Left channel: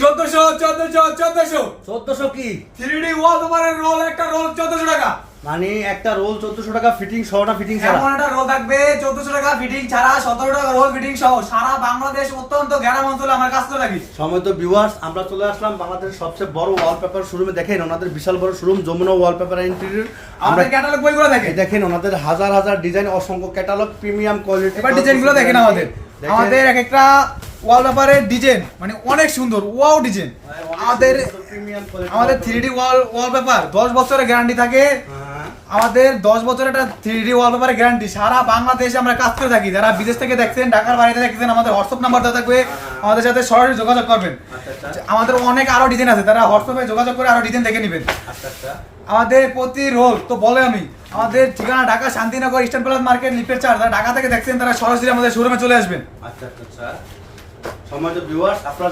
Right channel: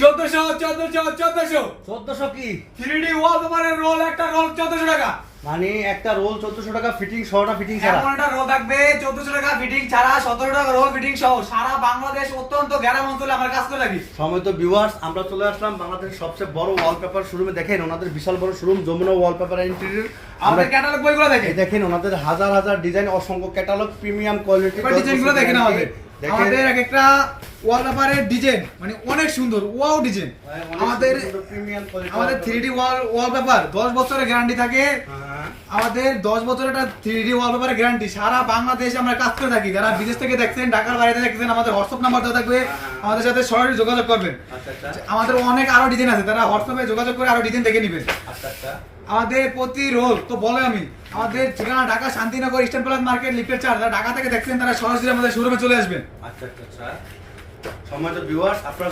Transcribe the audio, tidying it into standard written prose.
1400 কি 3D ওয়ালপেপারের role, একটা role 1400 টাকা। মানে একটা রোল 1400 টাকা ফিটিং সহ না ফিটিং ছাড়া? এমন একটা রোল থাকবে 1400 টাকা ফিটিং ছাড়া, 17 টাকা রোল ফিটিং সহ, সারা বাংলাদেশ অত্যন্ত গ্রাম অঞ্চলে আমার কাজ করে থাকি। সময় তো ভিউয়ার্স, আমরা চলে আসলাম বাংলাদেশের সবচেয়ে বড় ওয়ালপেপার শোরুমে। দেখেন ওনাদের বিশাল বড় শোরুম, যমুনা ওয়ালপেপার ইন্টেরিয়র। আমাদের ক্যাটালগ বইগুলো দেখেন, দেখেন ওনাদের হাজার হাজার ডিজাইন, অসংখ্য ক্যাটালগ, প্রিমিয়াম কোয়ালিটি। এবার ডিজাইনগুলো দেখেন আমাদের এক একটা ওয়ালপেপারের ডিজাইন মানে অনেক সুন্দর, ওয়াও ডিজাইন। আমাদের 3D ওয়ালপেপার 10 বছরের গ্যারান্টি থাকে। আমাদের 10 বছরের একটা 3D ওয়ালপেপারের গ্যারান্টি। সারা বাংলাদেশে আমরা কাজ করে থাকি। যারা বিদেশ থেকে দেখছেন, ঢাকার বাড়িতে দেখছেন, আমাদের হোয়াটসঅ্যাপ নাম্বার দেওয়া থাকবে, আমাদের সাথে সরাসরি যোগাযোগ করবেন। আমাদের অনেক আরো ডিজাইন আছে, তারা হোয়াটসঅ্যাপে যোগাযোগ করে আরো ডিজাইন দেখে নেবেন। আমাদের প্রতি রোল তো বলে আমি, আমাদের ঠিকানা Dhaka Shantinagar eastern plus market লিফটের 4। যারা ঢাকা থেকে দেখছেন তারা সরাসরি আমাদের শোরুমে চলে আসবেন। আচ্ছা, সম্মানিত ভিউয়ার্স, আপনারা